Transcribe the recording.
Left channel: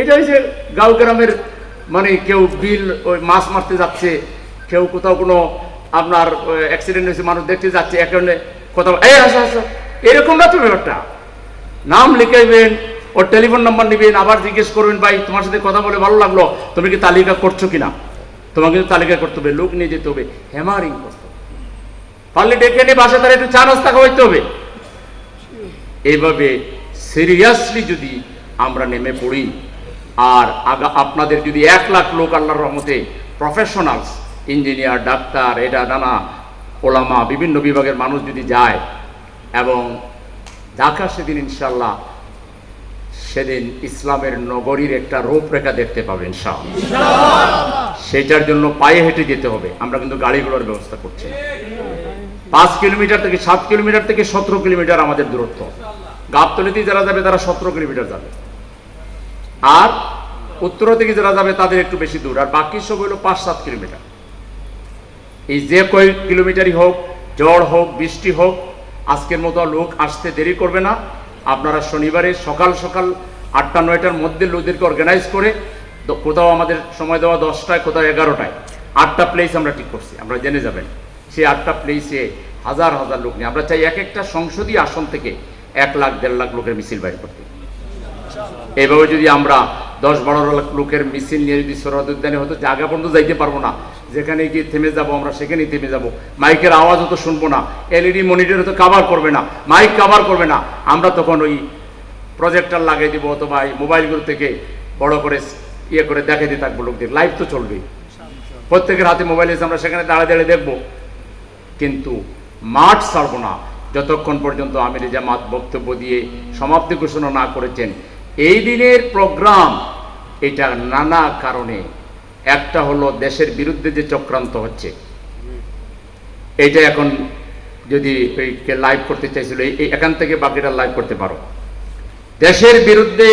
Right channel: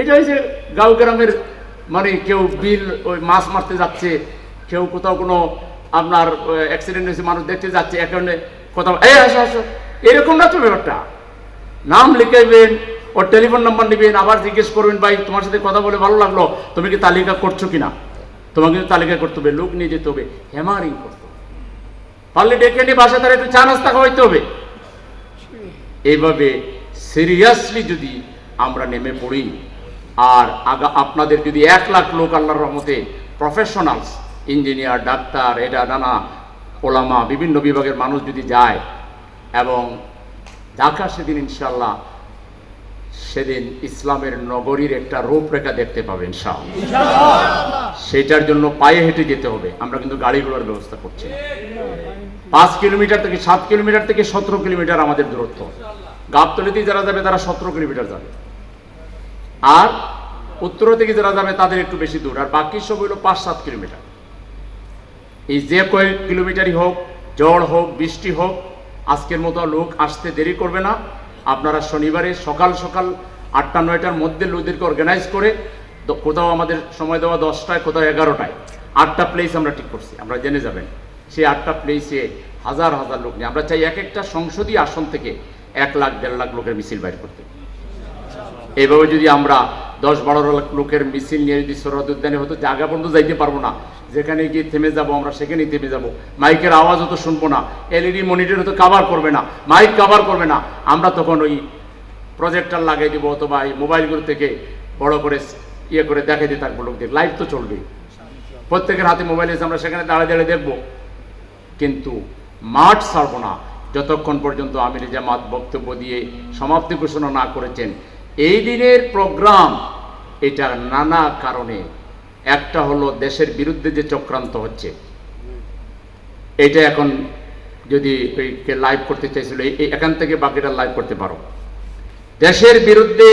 এটা হচ্ছে গাঁও গ্রামের মানে কেউ বিল, ওই মাছ মারতে যাচ্ছে, কেউ কোথাও কোনো আপনার অ্যাক্সিডেন্ট হয়েছে, মানুষ দেখতে যাচ্ছে এখানে কোথাও এই আসো আসো। এরকম না তো ব্যাপারটা? নাম লিখাইবেন, ওর টেলিফোন নাম্বার নেবেন, আবার জিজ্ঞেস করবেন, ভাই, তোমার সাথে কথা বলে ভালো লাগল, তুমি কি তালিকা করছ কিনা? তোমাকে কিন্তু তালিকা করতে হবে, লোক নিয়ে যেতে হবে হেমারিং করতে হবে। পারলে ডেকে নিয়ে বাসা তারা একটু চা নাস্তা খাওয়াইতে হবে। এইভাবে সিরিয়াসলি যদি আমরা নেমে পড়ি। আর আপনাদের যদি এক লাখ লোক আল্লাহর রহমতে প্রফেশনালস ইঞ্জিনিয়ার ডাক্তার, এটা নানা, ওলামা, বিভিন্ন বিভাগের মানুষ যদি যায়, এবং ঢাকা সেদিন ইনশাল্লাহ সেদিন ইসলামের নগরীর একটা রূপরেখা দেখতে পাবেন ইনশাআল্লাহ। সেটার জন্য পায়ে হেঁটে যেতে হবে। আমরা কিন্তু গাড়িগুলোর ব্যবস্থা করছি। পাঁচ কিলোমিটার থেকে সাত কিলোমিটার থেকে সতেরো কিলোমিটার আমাদের দূরত্ব। গাবতলিতে যারা যাবে, তারা সতেরো কিলোমিটার যাবে। আর উত্তর থেকে যারা যাবে, তাদের একটু বেশি দূর। আর বাকি সব হলো পাঁচ, সাত কিলোমিটার। এই যে কয়েক কিলোমিটারই হোক, ঝড় হোক, বৃষ্টি হোক, আজকের মতো লোক আসতে দেরি করবে না। আপনারা শনিবারে সকাল সকাল আটটা, নয়টার মধ্যে লোকদেরকে অর্গানাইজ করে কোথাও আমাদের সময় দেওয়া দশটায়, কোথাও এগারোটায়। আটটা প্লেস আমরা ঠিক করছি, আমরা জেনে যাবেন। সেই আটটা প্লেসে হাজার হাজার লোক নিয়ে আমরা চাই এক একটা সংসদীয় আসন থেকে এক লাখ, দেড় লাখ লোকের মিছিল বাইর করতে। এইভাবে যদি আমরা দশ, বারো লাখ লোকের মিছিল নিয়ে যদি সরহদ উদ্যানে হতো জায়গা পর্যন্ত যাইতে পারব না, যেখানে গিয়ে থেমে যাব আমরা, সেখানেই থেমে যাব। মাইকের আওয়াজও তো শুনব না, এলইডি মনিটরে তো কাভার করবে না মাইক কাভার করবে না। আমরা তখন ওই প্রজেক্টার লাগাই দেবো অথবা এই মোবাইলগুলো থেকে বড় করে ইয়ে করে দেখাই দিই থাকব লোকদের। লাইভ তো চলবে প্রত্যেকের হাতে মোবাইল এসে আমরা সেখানে দাঁড়া দাঁড়িয়ে দেখব। কিন্তু মাঠ ছাড়বো না। যতক্ষণ পর্যন্ত আমির জামাত বক্তব্য দিয়ে সমাপ্তি ঘোষণা না করেছেন, এই দিনের প্রোগ্রাম এটা নানা কারণে। একটা হলো দেশের বিরুদ্ধে যে চক্রান্ত হচ্ছে। এটা এখন যদি লাইভ করতে চাইছিল এখান থেকে বাকিটা লাইভ করতে পারো। দেশের বিরুদ্ধে